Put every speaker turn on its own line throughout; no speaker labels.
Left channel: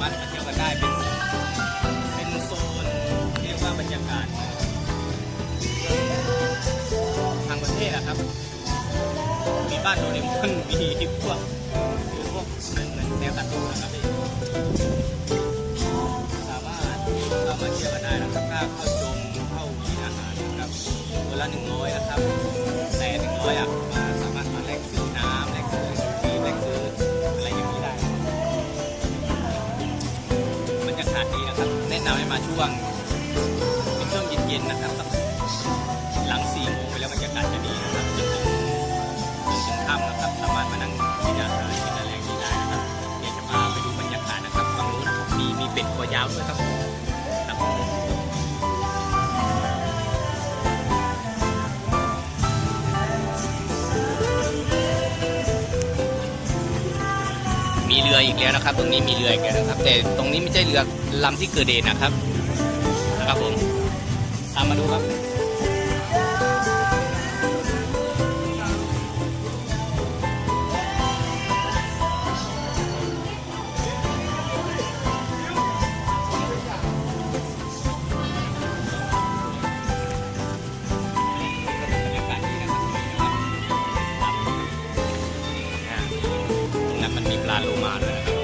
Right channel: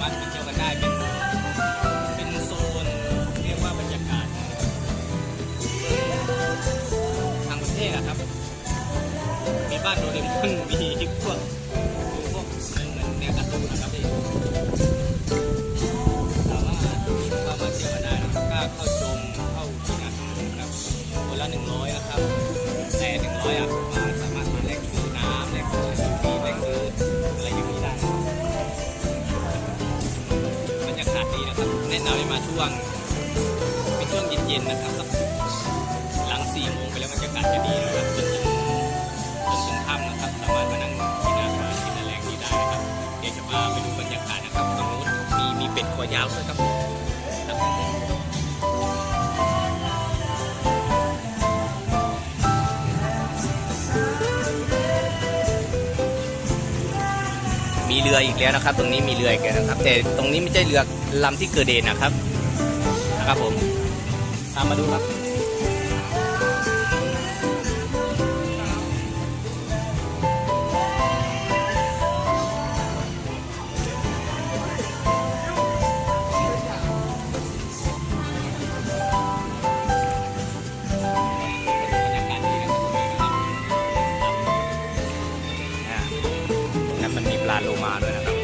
ามารถมาเที่ยวกันได้เป็นเป็นโซนเรียกว่าบรรยากาศทางประเทศอะครับ มีบ้านโดเรมอนมีพวกมีพวกเหมือนเหมือนแนวการ์ตูนนะครับพี่สามารถเข้ามาเที่ยวกันได้นะครับกล้าเข้าชมเข้ากินอาหารนะครับคนละหนึ่งร้อยนะครับ แต่หนึ่งร้อยอะาศดีนะครับ แนะนำให้มาช่วง เป็นช่วงเย็นๆนะครับสักหลังสี่โมงไปแล้วบรรยากาศจะดีนะครับจนถึงจนถึงค่ำนะครับ สามารถมานั่งกินอาหารกินอะไรอย่างนี้ได้นะครับ เดี๋ยวจะพาไปดูบรรยากาศนะครับฝั่งนู้นะครับมีมีเป็ดคอยาวด้วยครับ รืออีกแล้วนะครับ ตรงนี้มีเรืออีกแล้วนะครับ แต่ตรงนี้ไม่ใช่เรือลำที่เกิดเหตุนะครับนะครับผมตามมาดูครับ ลาโลมาด้วยนะครับ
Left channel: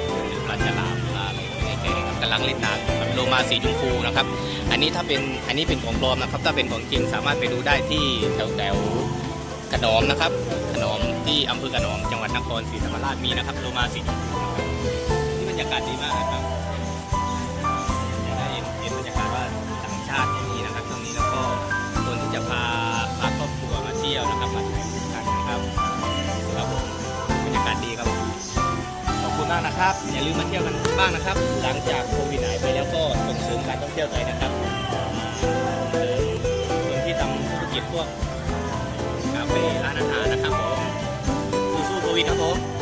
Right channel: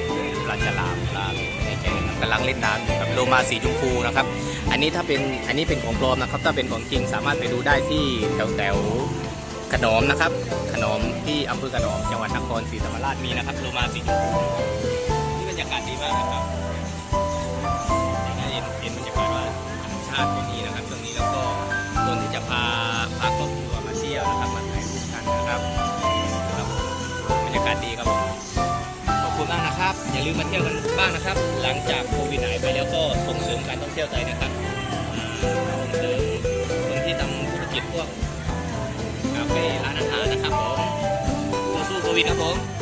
ปลาฉลามปลาอะไรไม่แน่ใจนะครับกำลังเล่นน้ำครับโลมาสีชมพูนะครับ อันนี้ถ้าเป็นอันนี้เป็นของปลอมนะครับ ถ้าเป็นของจริงสามารถไปดูได้ที่แถวแถวขนอมนะครับ ขนอมที่อำเภอขนอมจังหวัดนครศรีธรรมราชมีนะครับโลมาสีชมพูที่บรรยากาศดีมากนะครับจะได้เห็นเห็นบรรยากาศว่าธรรมชาติอย่นี้นะครับตรงนี้แล้วก็คนที่จะพาพาครอบครัวมาเที่ยวนะครับมาถ่ายรูปกันนะครับบรรยากาศดีครับ คุณมากนะครับ อย่าลืมมาเที่ยวกันบ้างนะครับ หลังจากโควิดหายไปแล้วก็ส่งเสริมการท่องเที่ยวไทยนะครับส่งเสริมคนที่ทำธุรกิจพวกคาเฟ่ร้านอาหารนะครับผมสู้ๆโควิดครับผม